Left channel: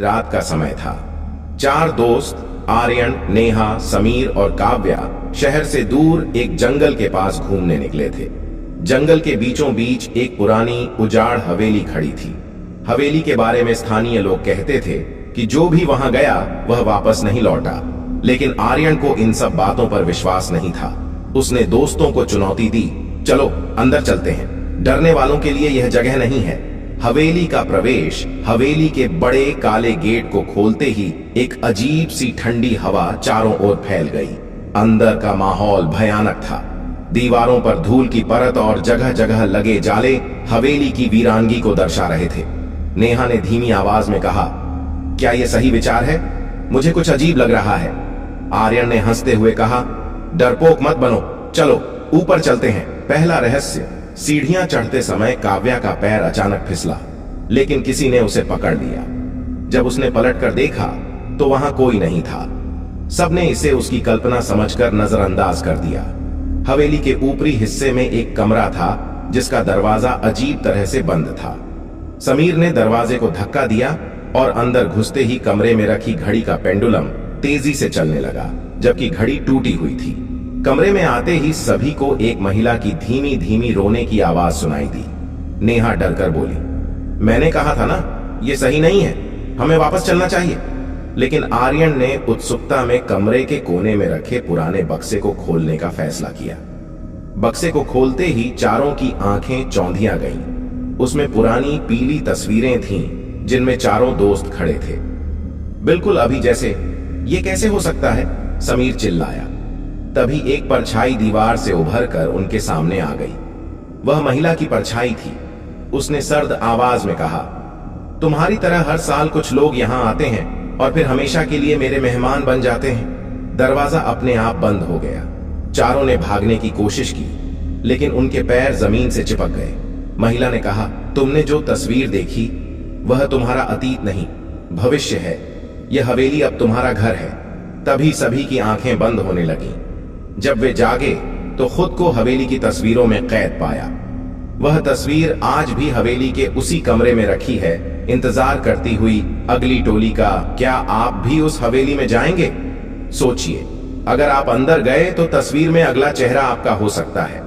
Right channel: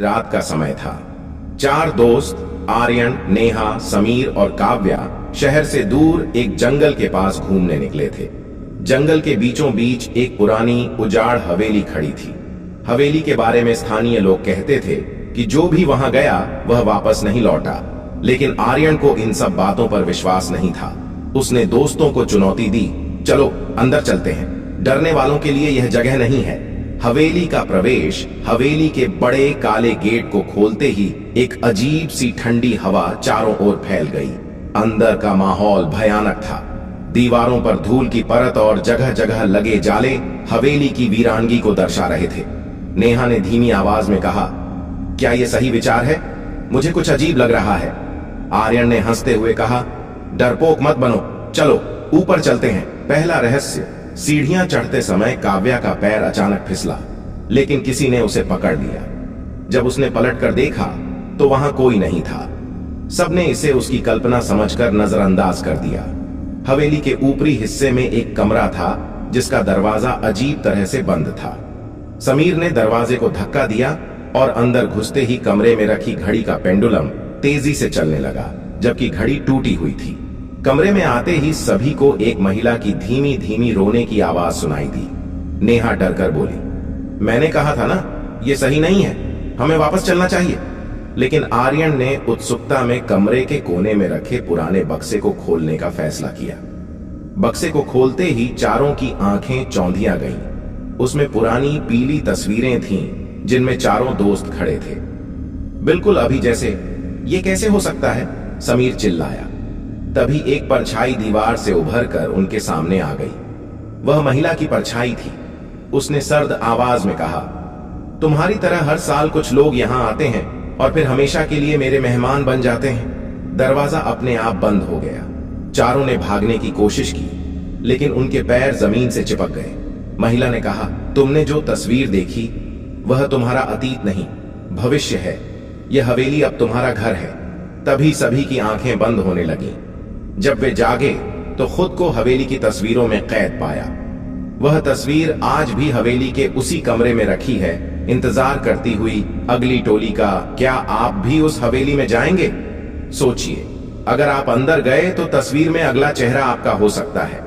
रात का समय था। चार दोस्त आर्यन, नेहा, समीर और काव्या शहर से दूर एक जंगल के पास घूमने निकले थे। जंगल के बीचों बीच एक पुरानी उजाड़ हवेली खड़ी थी। हवेली के बारे में स्थानीय लोग कहते थे कि जो भी वहां गया वह वापस नहीं लौटा, लेकिन आर्यन को इन सब बातों पर विश्वास नहीं था। उसने दोस्तों को चुनौती दी, चलो अंदर चलते हैं, डरने वालों के लिए यह जगह नहीं है। हवेली का प्रवेश हवेली के बड़े काले गेट को खोलते ही एक अजीब सी ठंडी हवा चारों ओर फैल गई। अंदर का माहौल भयानक था। दीवारों पर धूल की परत और जगह जगह लगे जाले हवेली की वीरानगी को दर्शा रहे थे। नेहा ने धीमी आवाज में कहा, क्या यह सही विचार है? मुझे कुछ अजीब लग रहा है। आर्यन ने हंसते हुए कहा, डरपोक मत बनो, चलो ऊपर चलते हैं। पहला रहस्य। सीढ़ियां चढ़ते समय काव्या का पैर अचानक फिसला, लेकिन किसी ने उसे पकड़ लिया। जब उसने पलटकर देखा तो वहां कोई नहीं था। सबने इसे उसकी कल्पना समझकर नजरअंदाज कर दिया। हवेली के ऊपरी हिस्से में एक कमरा था जिसका दरवाजा अजीब तरह से बंद था। समीर ने दरवाजे को धक्का दिया और अंदर घुसते ही कमरे में रखी घड़ी का पेंडुलम तेजी से चलने लगा, जबकि घड़ी टूटी हुई थी। कमरे में आते ही सभी को एक महिला की धीमी धीमी रोने की आवाज सुनाई दी। नेहा डरकर बोली, मैंने कहा था ना, यह सही नहीं है, हमें वापस चलना चाहिए। लेकिन आर्यन ने उत्सुकता में कमरे के कोने में रखे पुराने बक्से को खोलने का फैसला किया। बक्से को खोलते ही चारों की आंखें चौंधिया गईं। उसमें पुरानी पीली तस्वीरें थीं जिनमें चारों दोस्त खड़े थे, बिल्कुल अभी जैसे। ये कैसे हो सकता है? समीर चिल्लाया। तभी एक परछाई दीवार से उभरकर उनके सामने आ गई। वह महिला की परछाई थी। उसने सर्द आवाज में कहा, तुम्हारी तरह हर साल कुछ लोग यहां आते हैं और फिर हमेशा के लिए मेरे मेहमान बन जाते हैं। दरवाजा अपने आप बंद हो गया। चारों ने भागने की कोशिश की, लेकिन उनके पैर जमीन से चिपक गए। महिला ने कहा, तुमने जो तस्वीर देखी वह तुम्हारा अतीत नहीं, भविष्य है। यह हवेली अब तुम्हारा घर है। तभी सभी की आंखें बंद होने लगीं। जब वे जागे तो खुद को हवेली की तस्वीरों में कैद पाया। वह तस्वीर आज भी हवेली के उसी कमरे में रखी है, इंतजार करती हुई अगली टोली का। क्या आप भी उस हवेली में जाएंगे? सोचिए, अगर आप अंदर गए तो तस्वीर में अगला चेहरा आपका हो सकता है।